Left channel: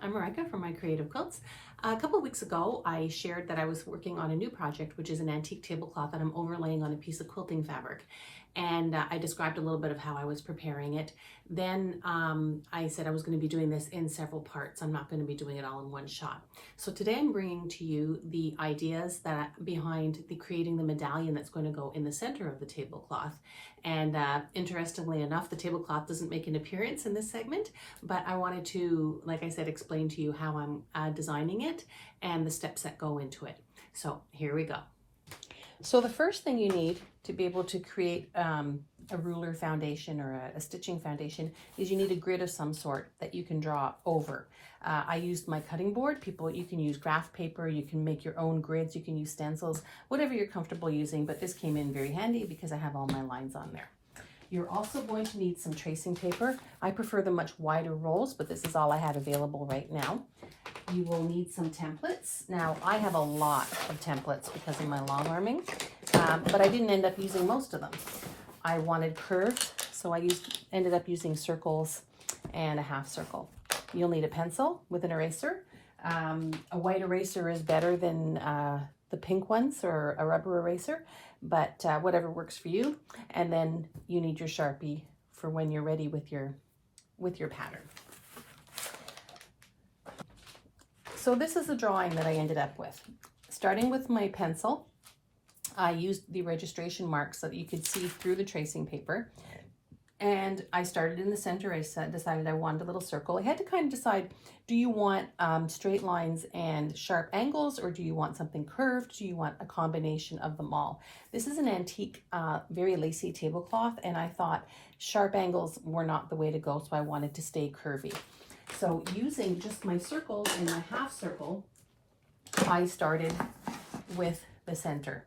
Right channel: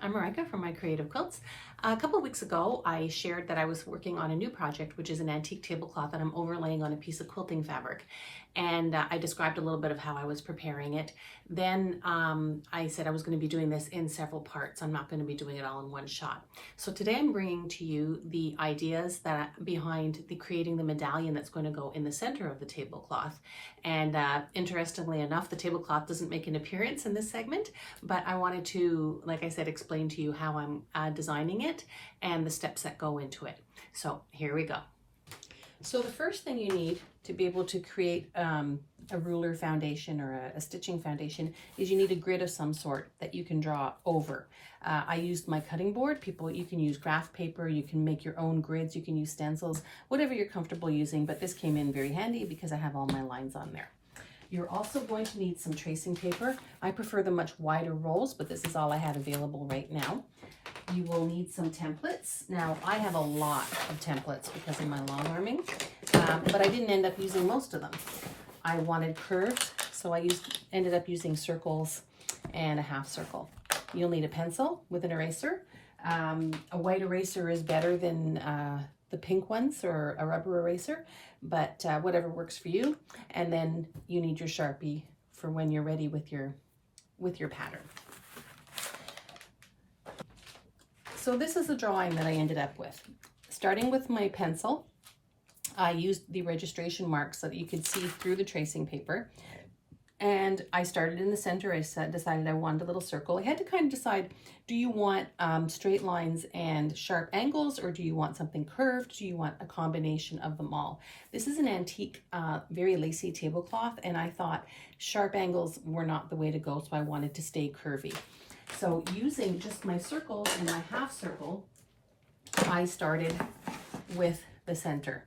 I'm Marika from My Creative Quilts. A couple of weeks ago, I shared that I was working on a new project, which is an antique tablecloth that I'm overlaying on a piece of quilting fabric. And I described a little bit of how I was preparing it. Then I said I was going to be doing this in several parts. I'm not going to be doing it all in one shot. So today I'm bringing to you the ideas that behind creating the medallion that's going to go in the center of the tablecloth. And interestingly enough, the tablecloth doesn't make an appearance in this segment, but I wanted to, like I said, explain to you how I'm designing it and the steps that go into it. So here we go. So the first thing you need to be able to create a ruler foundation or a stitching foundation is you need a grid of some sort that you can draw over. I used my cutting board. You can use graph paper, you can make your own grids, you can use stencils, whatever you're comfortable using, but this came in very handy because I have all my lines on there. You're also going to need some tracing paper. I prefer the much wider rolls, but this is all I had available right now. You will need some templates. Now, I have a lot of templates because of my long arming, but I didn't end up using most of them. I wanted curves, so I ended up using circles and a half circle. You'll need a pencil with an eraser. A white eraser is better than the pink ones or a rubber eraser, but whatever works for you. And then you need your Sharpie for when you're ready with your pattern. So this is the drawing that I ended up with. Starting with my pencil, I used the registration marks so that you could see through the tracing paper. And I started in the center. I decided I wanted a little circle. I had to kind of decide, do you want straight lines and sharp angles, or do you want something curved? Do you want a combination of them all? This is an antique, very lacy tablecloth, and I thought sharp angles were not the way to go, so I wanted to stay curvy. So using just my circles and my half circle, I started with the center.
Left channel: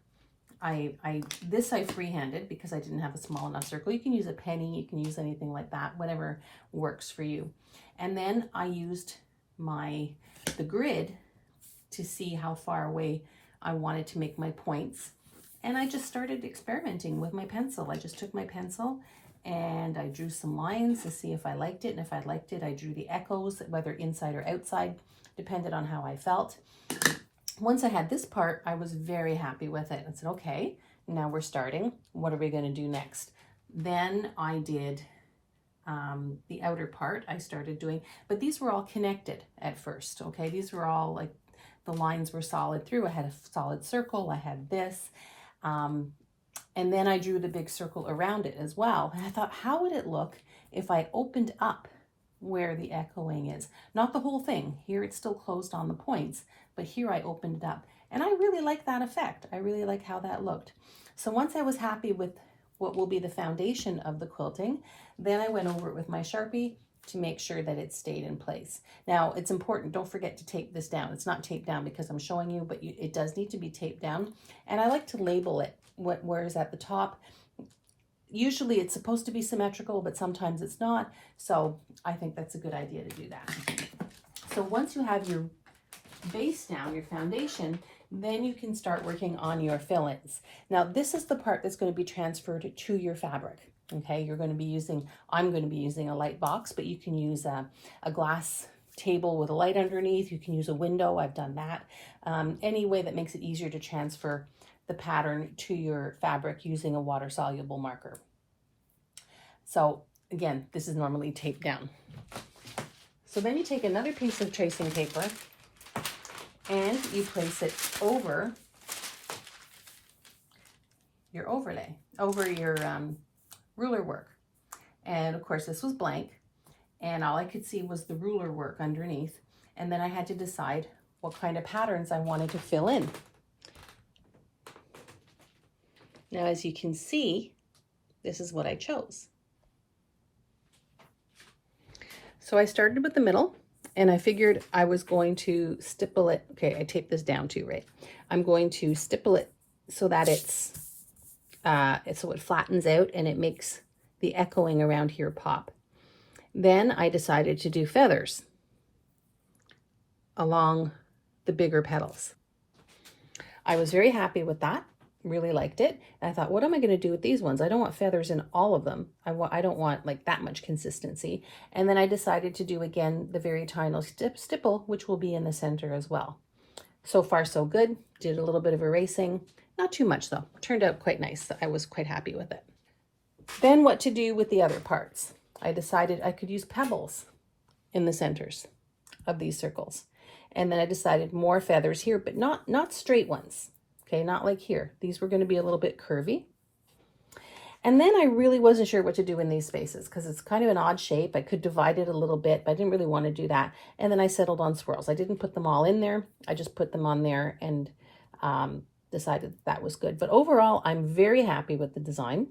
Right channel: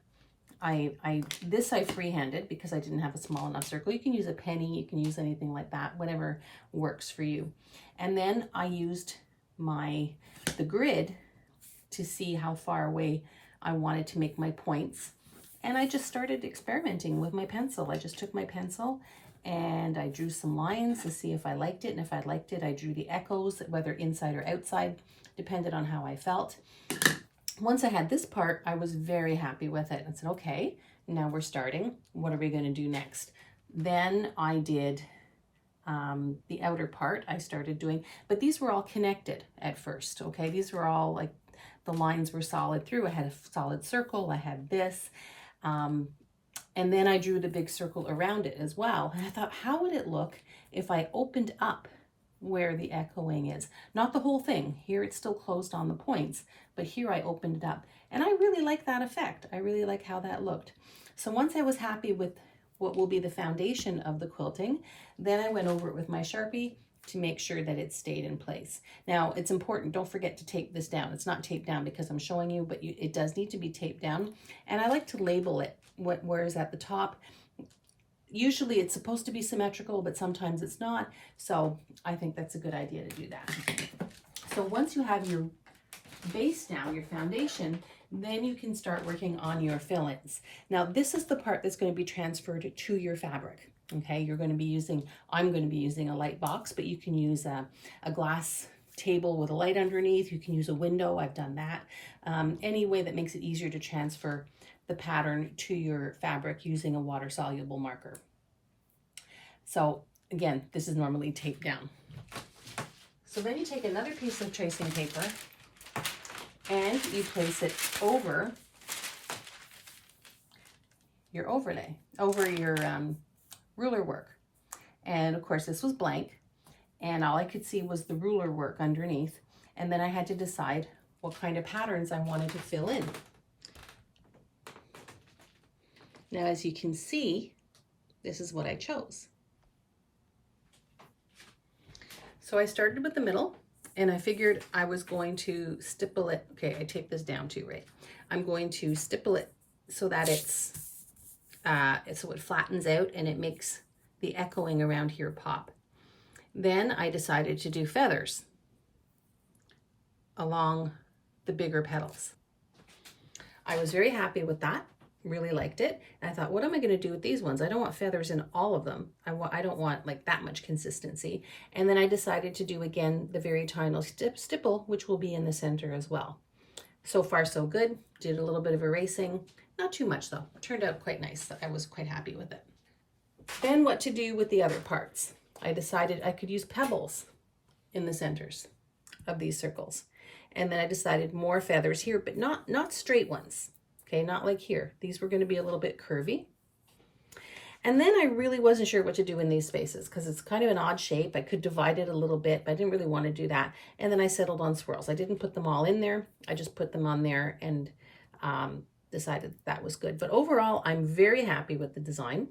This I freehanded because I didn't have a small enough circle. You can use a penny, you can use anything like that, whatever works for you. And then I used the grid to see how far away I wanted to make my points. And I just started experimenting with my pencil. I just took my pencil and I drew some lines to see if I liked it. And if I liked it, I drew the echoes, whether inside or outside, depended on how I felt. Once I had this part, I was very happy with it. I said, okay, now we're starting. What are we going to do next? Then I did the outer part. I started doing, but these were all connected at first, okay? These were all like, the lines were solid through. I had a solid circle. I had this. And then I drew the big circle around it as well. And I thought, how would it look if I opened up where the echoing is? Not the whole thing. Here it's still closed on the points, but here I opened it up. And I really like that effect. I really like how that looked. So once I was happy with what will be the foundation of the quilting, then I went over it with my Sharpie to make sure that it stayed in place. Now, it's important, don't forget to tape this down. It's not taped down because I'm showing you, but it does need to be taped down. And I like to label it, where is at the top. Usually it's supposed to be symmetrical, but sometimes it's not. So I think that's a good idea to do that. So once you have your base down, your foundation, then you can start working on your fill-ins. Now, this is the part that's going to be transferred to your fabric. Okay, I'm going to be using a light box, but you can use a glass table with a light underneath. You can use a window. I've done that. Any way that makes it easier to transfer the pattern to your fabric using a water-soluble marker. So again, this is normally taped down. So then you take another piece of tracing paper and you place it over your overlay, over your ruler work. And of course this was blank, and all I could see was the ruler work underneath. And then I had to decide what kind of patterns I wanted to fill in. Now, as you can see, this is what I chose. So I started with the middle, and I figured I was going to stipple it. Okay, I taped this down too, right? I'm going to stipple it so that so it flattens out and it makes the echoing around here pop. Then I decided to do feathers along the bigger petals. I was very happy with that. really liked it. And I thought, what am I going to do with these ones? I don't want feathers in all of them. I don't want like that much consistency. And then I decided to do again the very tiny stipple, which will be in the center as well. So far so good. Did a little bit of erasing, not too much though. Turned out quite nice. I was quite happy with it. Then what to do with the other parts? I decided I could use pebbles in the centers of these circles. And then I decided more feathers here, but not straight ones. Okay, not like here. These were going to be a little bit curvy. And then I really wasn't sure what to do in these spaces because it's kind of an odd shape. I could divide it a little bit, but I didn't really want to do that. And then I settled on swirls. I didn't put them all in there. I just put them on there and decided that was good. But overall, I'm very happy with the design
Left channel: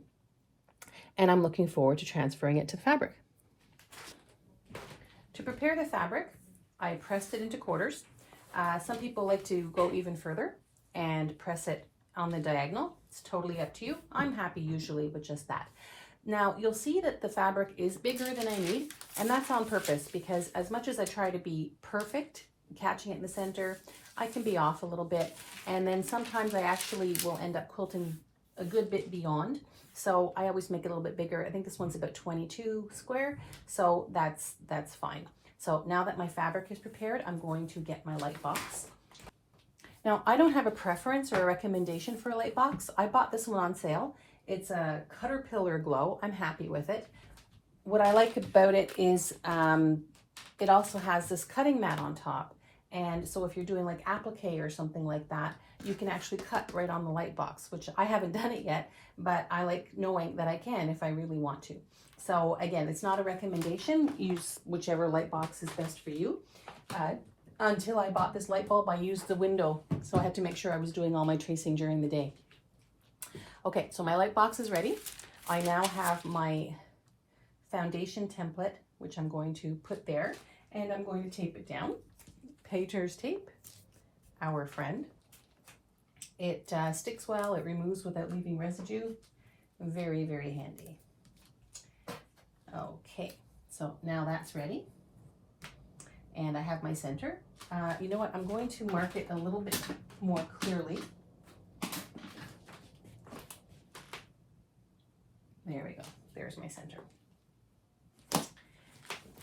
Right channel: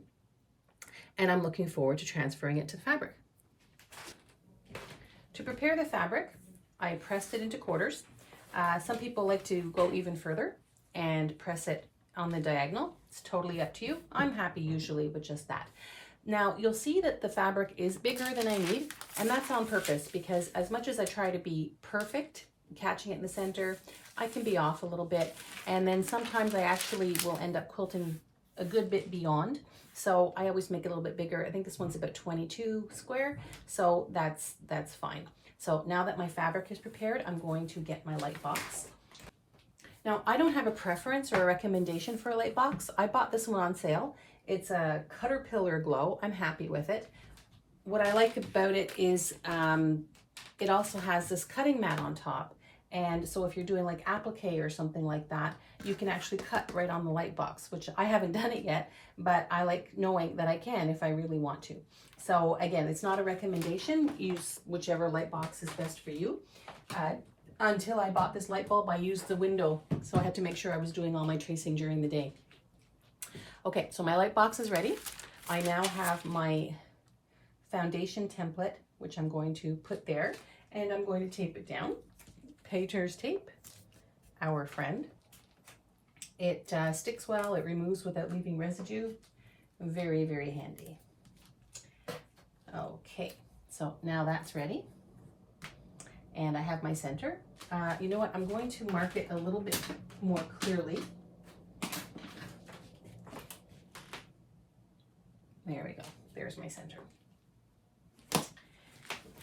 and I'm looking forward to transferring it to the fabric. To prepare the fabric, I pressed it into quarters. Some people like to go even further and press it on the diagonal. It's totally up to you. I'm happy usually with just that. Now you'll see that the fabric is bigger than I need, and that's on purpose because as much as I try to be perfect, catching it in the center, I can be off a little bit. And then sometimes I actually will end up quilting a good bit beyond. So I always make it a little bit bigger. I think this one's about 22 square. So that's fine. So now that my fabric is prepared, I'm going to get my light box. Now, I don't have a preference or a recommendation for a light box. I bought this one on sale. It's a Caterpillar Glow. I'm happy with it. What I like about it is it also has this cutting mat on top. And so if you're doing like applique or something like that, you can actually cut right on the light box, which I haven't done it yet, but I like knowing that I can if I really want to. So again, it's not a recommendation. Use whichever light box is best for you. Until I bought this light bulb, I used the window, so I had to make sure I was doing all my tracing during the day. Okay, so my light box is ready. I now have my foundation template, which I'm going to put there, and I'm going to tape it down. Painter's tape, our friend. It sticks well, it removes without leaving residue. Very, very handy. Okay, so now that's ready. And I have my center. You know what? I'm going to mark it a little bit more clearly. There we go. There's my center.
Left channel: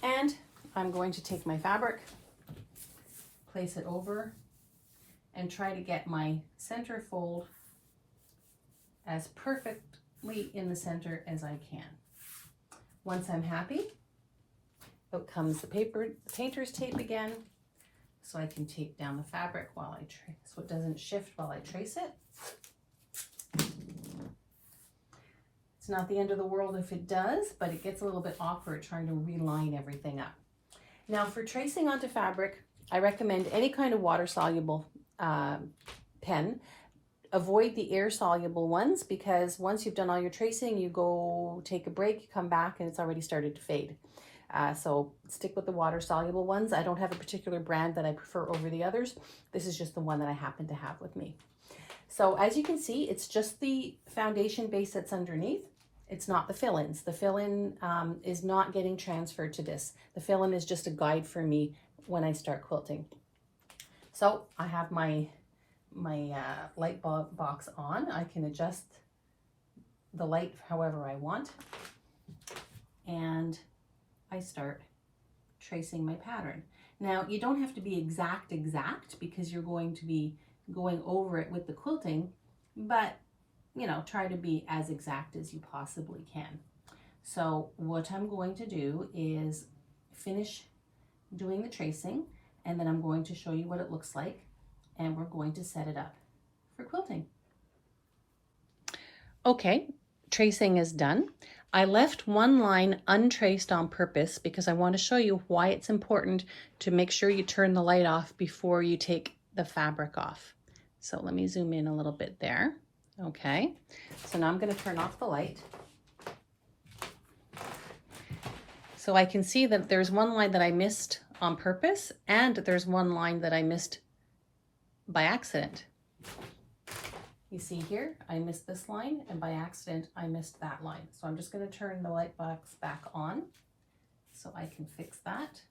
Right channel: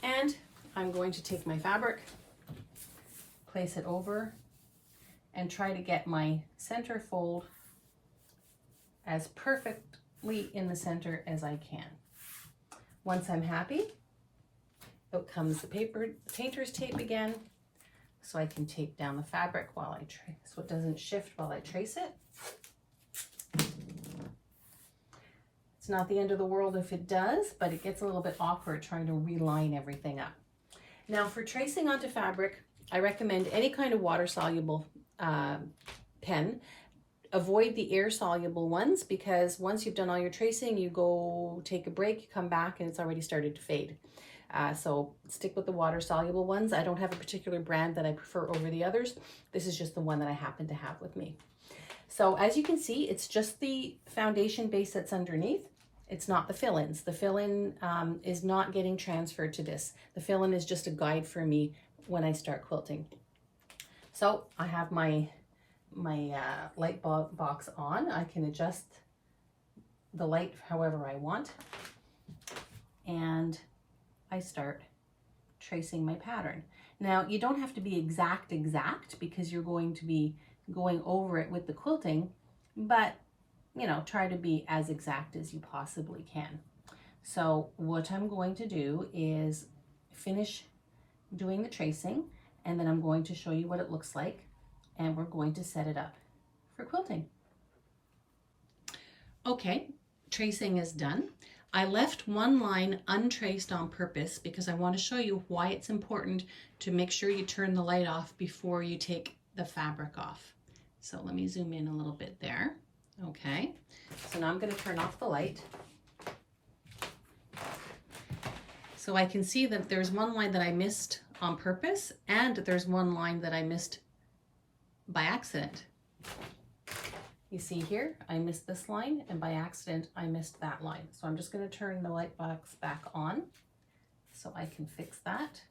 And I'm going to take my fabric, place it over, and try to get my center fold as perfectly in the center as I can. Once I'm happy, out comes the painter's tape again, so I can tape down the fabric while I trace, so it doesn't shift while I trace it. It's not the end of the world if it does, but it gets a little bit awkward trying to reline everything up. Now for tracing onto fabric, I recommend any kind of water-soluble pen. Avoid the air-soluble ones because once you've done all your tracing, you go take a break, you come back, and it's already started to fade. So stick with the water-soluble ones. I don't have a particular brand that I prefer over the others. This is just the one that I happen to have with me. So as you can see, it's just the foundation base that's underneath. It's not the fill-ins. The fill-in is not getting transferred to this. The fill-in is just a guide for me when I start quilting. So I have my light box on. I can adjust the light however I want. And I start tracing my pattern. Now, you don't have to be exact because you're going to be going over it with the quilting, but you know, try to be as exact as you possibly can. So what I'm going to do is finish doing the tracing, and then I'm going to show you what it looks like, and we're going to set it up for quilting. Okay, tracing is done. I left one line untraced on purpose because I want to show you why it's important to make sure you turn the light off before you take the fabric off. So let me zoom in a little bit there. Okay, so now I'm going to turn off the light. So I can see that there's one line that I missed on purpose and there's one line that I missed by accident. You see here, I missed this line, and by accident, I missed that line. So I'm just going to turn the light box back on so I can fix that.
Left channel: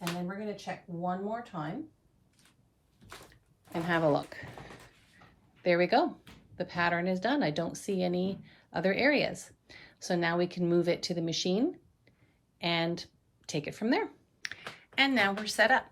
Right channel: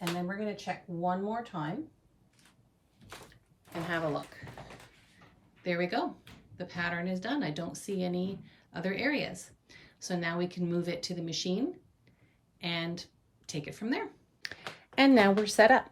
And then we're going to check one more time and have a look. There we go. The pattern is done. I don't see any other areas. So now we can move it to the machine and take it from there. And now we're set up.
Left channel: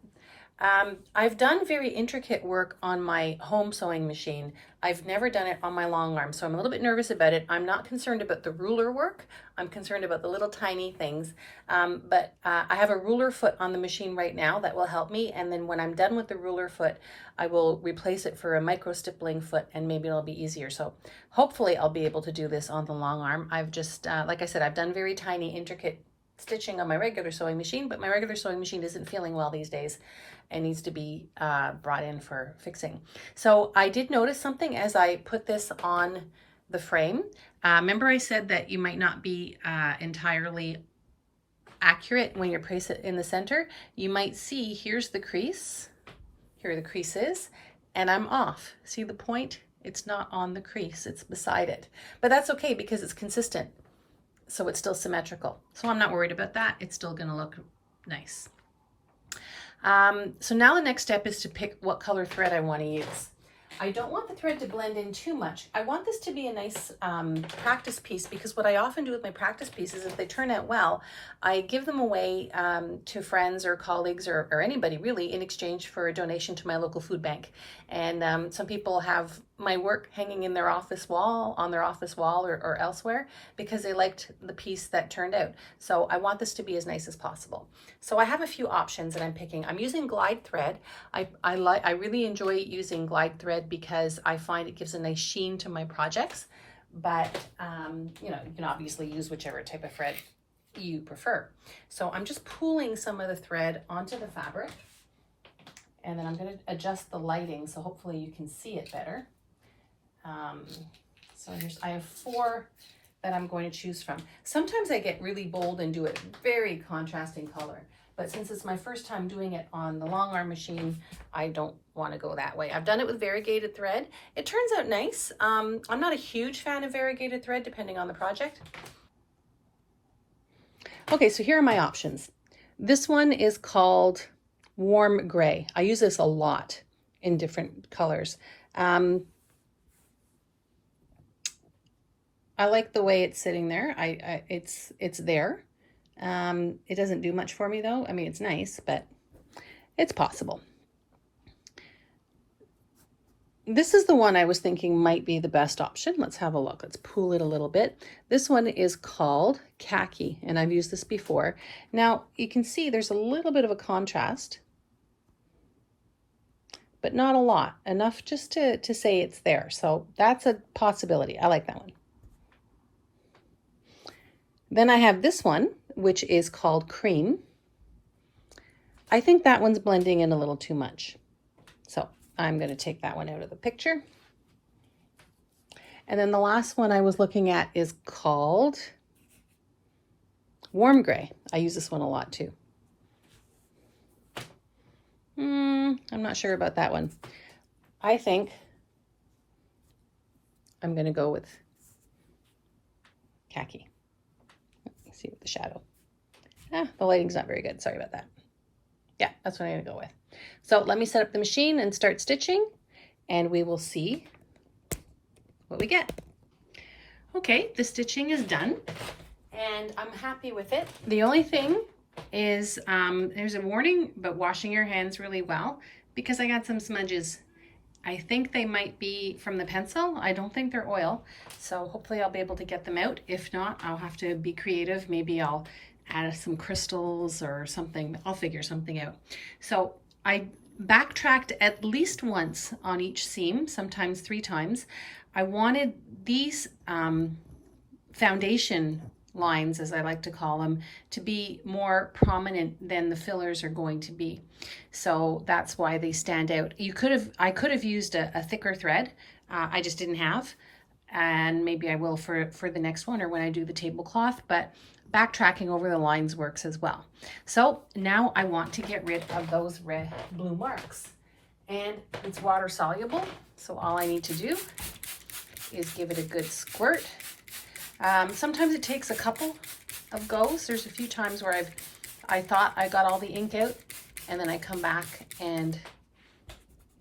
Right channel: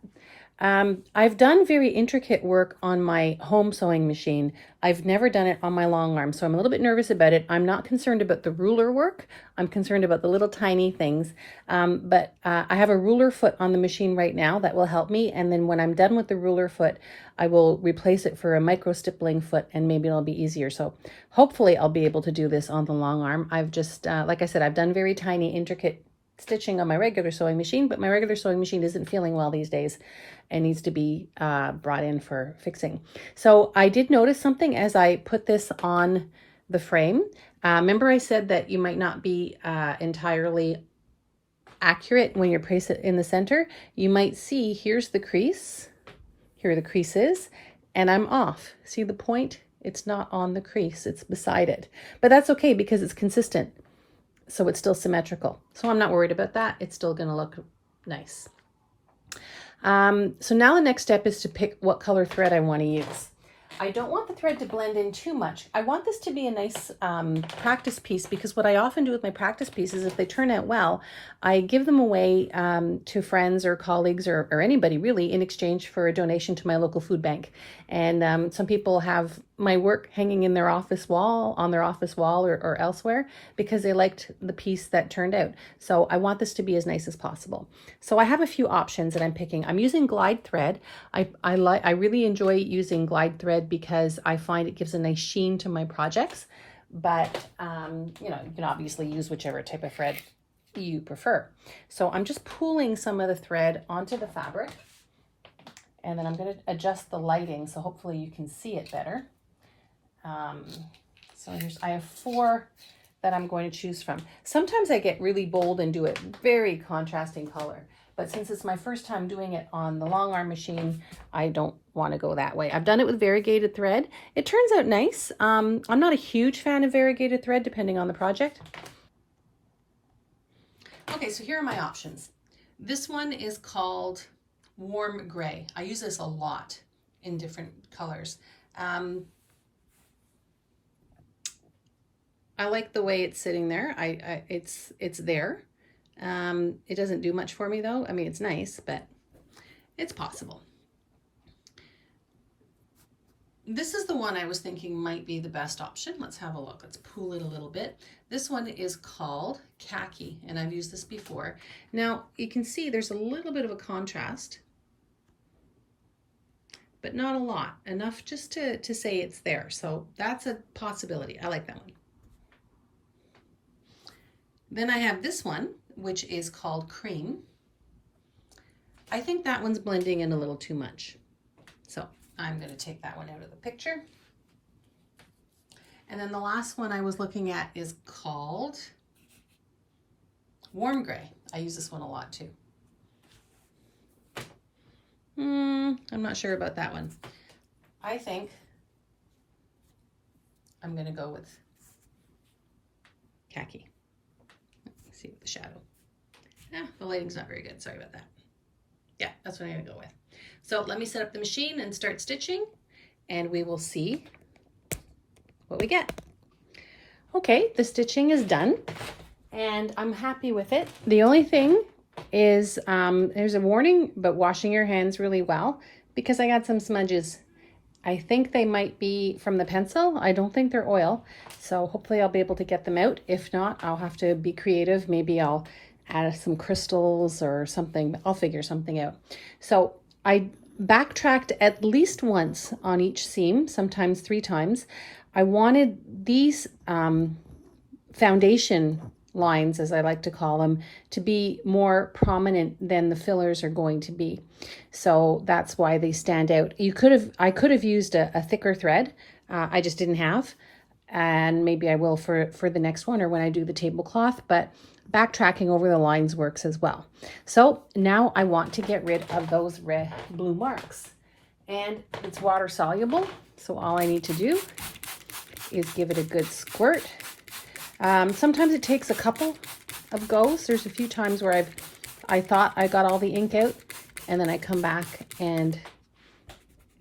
I've done very intricate work on my home sewing machine. I've never done it on my long arm, so I'm a little bit nervous about it. I'm not concerned about the ruler work. I'm concerned about the little tiny things. But I have a ruler foot on the machine right now that will help me. And then when I'm done with the ruler foot, I will replace it for a micro stippling foot, and maybe it'll be easier. So hopefully I'll be able to do this on the long arm. I've just, like I said, I've done very tiny, intricate stitching on my regular sewing machine, but my regular sewing machine isn't feeling well these days and needs to be brought in for fixing. So I did notice something as I put this on the frame. Remember I said that you might not be entirely accurate when you place it in the center. You might see, here's the crease, here are the creases, and I'm off. See the point? It's not on the crease, it's beside it. But that's okay because it's consistent, so it's still symmetrical. So I'm not worried about that. It's still gonna look nice. So now the next step is to pick what color thread I want to use. I don't want the thread to blend in too much. I want this to be a nice practice piece, because what I often do with my practice pieces, if they turn out well, I give them away to friends or colleagues or anybody really in exchange for a donation to my local food bank. And some people have my work hanging in their office wall, on their office wall or elsewhere, because they liked the piece that turned out. So I want this to be as nice as possible. So I have a few options that I'm picking. I'm using glide thread. I really enjoy using glide thread because I find it gives a nice sheen to my projects. But you know, you can obviously use whichever type of thread you prefer. So I'm just pulling some of the thread onto the fabric, and then I'm going to adjust the lighting so hopefully you can see it better. So I have 4 that I'm going to choose from. Sometimes I get really bold and do a very contrasting color, but since it's my first time doing it on the long arm machine, I don't want to go that way. I've done it with variegated thread. It turns out nice. I'm not a huge fan of variegated thread depending on the project. Okay, so here are my options. This one is called Warm Gray. I use this a lot in different colors. I like the way it's sitting there. It's there. It doesn't do much for me though. I mean, it's nice, but it's possible. This is the one I was thinking might be the best option. Let's have a look. Let's pull it a little bit. This one is called Khaki, and I've used this before. Now, you can see there's a little bit of a contrast, but not a lot. Enough just to say it's there. So that's a possibility. I like that one. Then I have this one, which is called Cream. I think that one's blending in a little too much. So I'm going to take that one out of the picture. And then the last one I was looking at is called Warm Gray. I use this one a lot too. I'm not sure about that one. I think I'm going to go with Khaki. Let's see with the shadow. The lighting's not very good. Sorry about that. Yeah, that's what I'm going to go with. So let me set up the machine and start stitching, and we will see what we get. Okay, the stitching is done, and I'm happy with it. The only thing is there's a warning about washing your hands really well, because I got some smudges. I think they might be from the pencil. I don't think they're oil, so hopefully I'll be able to get them out. If not, I'll have to be creative. Maybe I'll add some crystals or something. I'll figure something out. So I backtracked at least once on each seam, sometimes 3 times. I wanted these foundation lines, as I like to call them, to be more prominent than the fillers are going to be. So that's why they stand out. I could have used a thicker thread. I just didn't have, and maybe I will for the next one or when I do the tablecloth, but backtracking over the lines works as well. So now I want to get rid of those red blue marks, and it's water soluble. So all I need to do is give it a good squirt. Sometimes it takes a couple of goes. There's a few times where I thought I got all the ink out, and then I come back and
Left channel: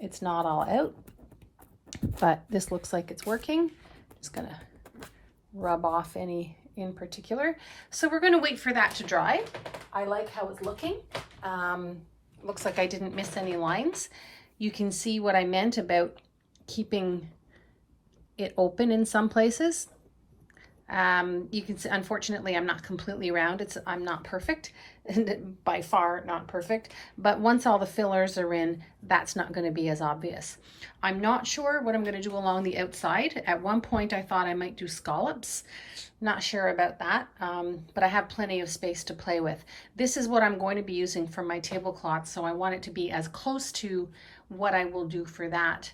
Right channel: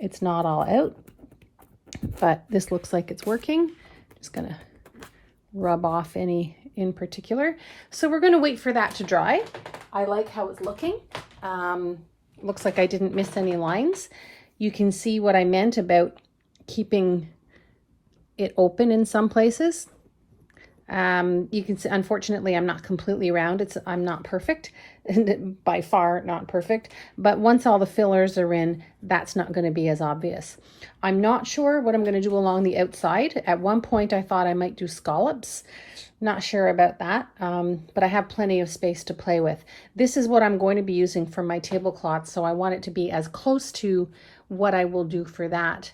It's not all out, but this looks like it's working. Just gonna rub off any in particular. So we're gonna wait for that to dry. I like how it's looking. Looks like I didn't miss any lines. You can see what I meant about keeping it open in some places. You can see, unfortunately, I'm not completely round. I'm not perfect, by far not perfect. But once all the fillers are in, that's not going to be as obvious. I'm not sure what I'm going to do along the outside. At one point, I thought I might do scallops. Not sure about that, but I have plenty of space to play with. This is what I'm going to be using for my tablecloth, so I want it to be as close to what I will do for that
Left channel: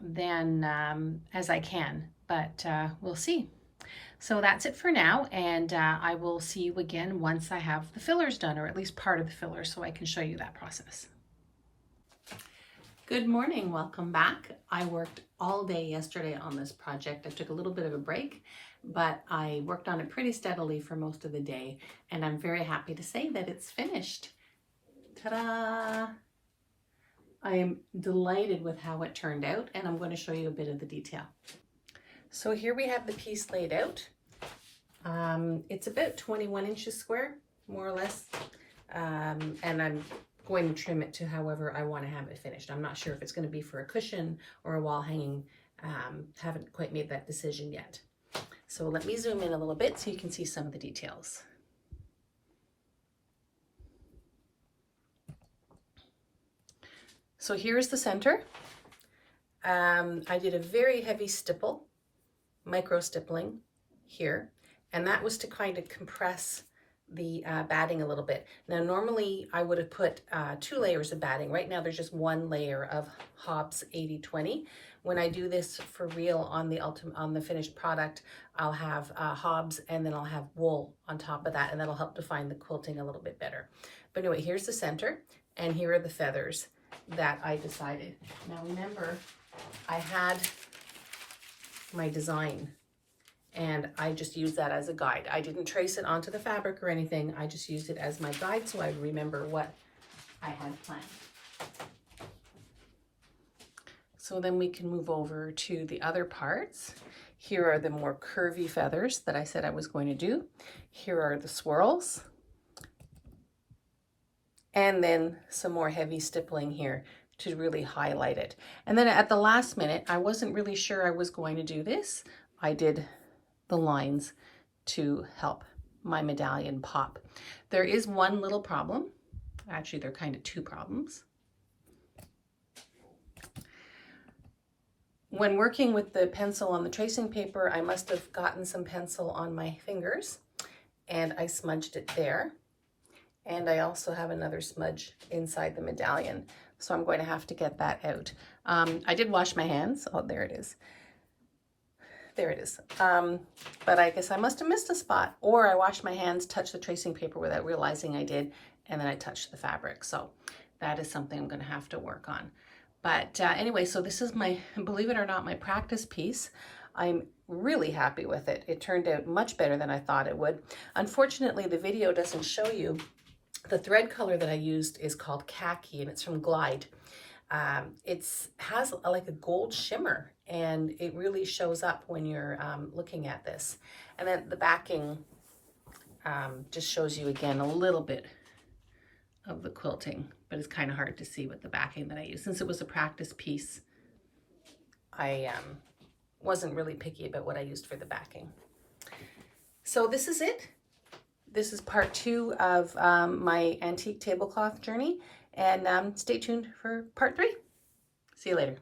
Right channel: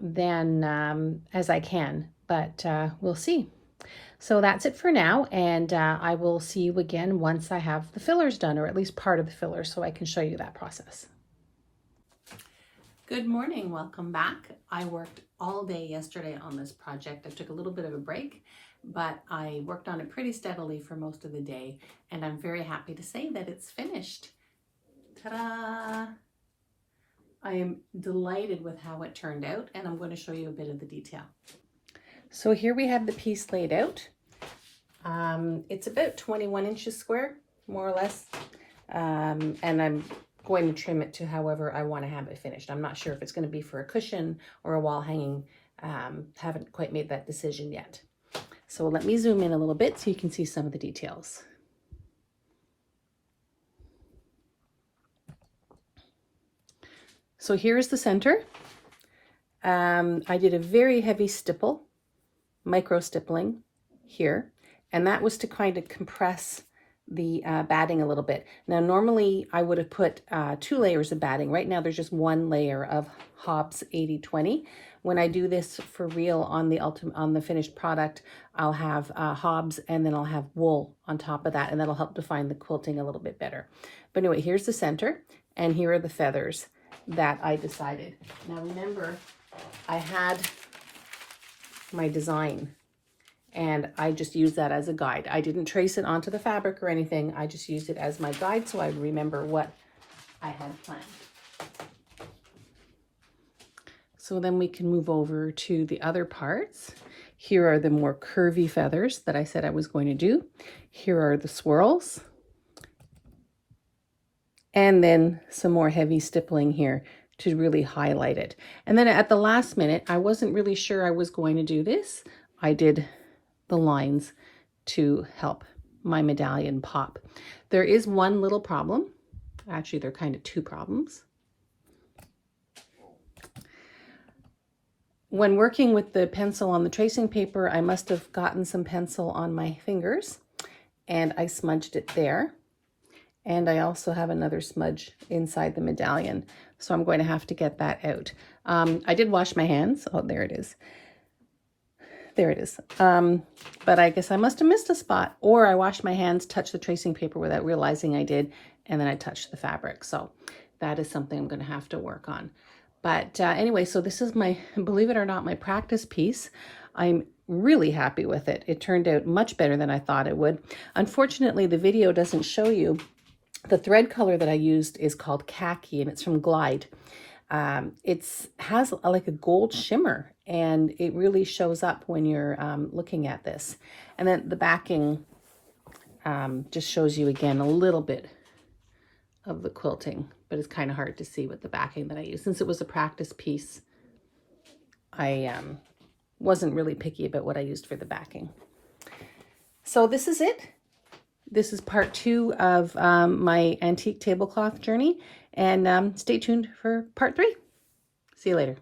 than as I can, but we'll see. So that's it for now, and I will see you again once I have the fillers done, or at least part of the fillers, so I can show you that process. Good morning, welcome back. I worked all day yesterday on this project. I took a little bit of a break, but I worked on it pretty steadily for most of the day, and I'm very happy to say that it's finished. Ta-da! I am delighted with how it turned out, and I'm going to show you a bit of the detail. So here we have the piece laid out. It's about 21 inches square, more or less, and I'm going to trim it to however I want to have it finished. I'm not sure if it's going to be for a cushion or a wall hanging. Haven't quite made that decision yet. So let me zoom in a little bit so you can see some of the details. So here's the center. I did a very heavy stipple, micro stippling here, and that was to kind of compress the batting a little bit. Now normally I would have put 2 layers of batting. Right now there's just 1 layer of Hobbs 80/20. When I do this for real on the finished product, I'll have Hobbs and then I'll have wool on top of that, and that'll help define the quilting a little bit better. But anyway, here's the center, and here are the feathers that I decided. Now remember, I had my design, and I just used that as a guide. I didn't trace it onto the fabric or anything. I just used it as my guide so I would remember what I had planned. So then we can move over to the other parts. Here are the more curvy feathers that I said I was going to do. Here are the swirls. And then some more heavy stippling here to really highlight it. And then at the last minute, I wasn't really sure I was going to do this. I did the lines to help my medallion pop. There is one little problem. Actually, there are kind of 2 problems. When working with the pencil on the tracing paper, I must have gotten some pencil on my fingers, and I smudged it there. And I also have another smudge inside the medallion, so I'm going to have to get that out. I did wash my hands. Oh, there it is. There it is. But I guess I must have missed a spot, or I washed my hands, touched the tracing paper without realizing I did, and then I touched the fabric. So that is something I'm going to have to work on. But anyway, so this is my, believe it or not, my practice piece. I'm really happy with it. It turned out much better than I thought it would. Unfortunately, the video doesn't show you the thread color that I used is called Khaki, and it's from Glide. It has like a gold shimmer, and it really shows up when you're looking at this. And then the backing just shows you again a little bit of the quilting, but it's kind of hard to see with the backing that I use. Since it was a practice piece, I wasn't really picky about what I used for the backing. So this is it. This is part 2 of my antique tablecloth journey, and stay tuned for part 3. See you later.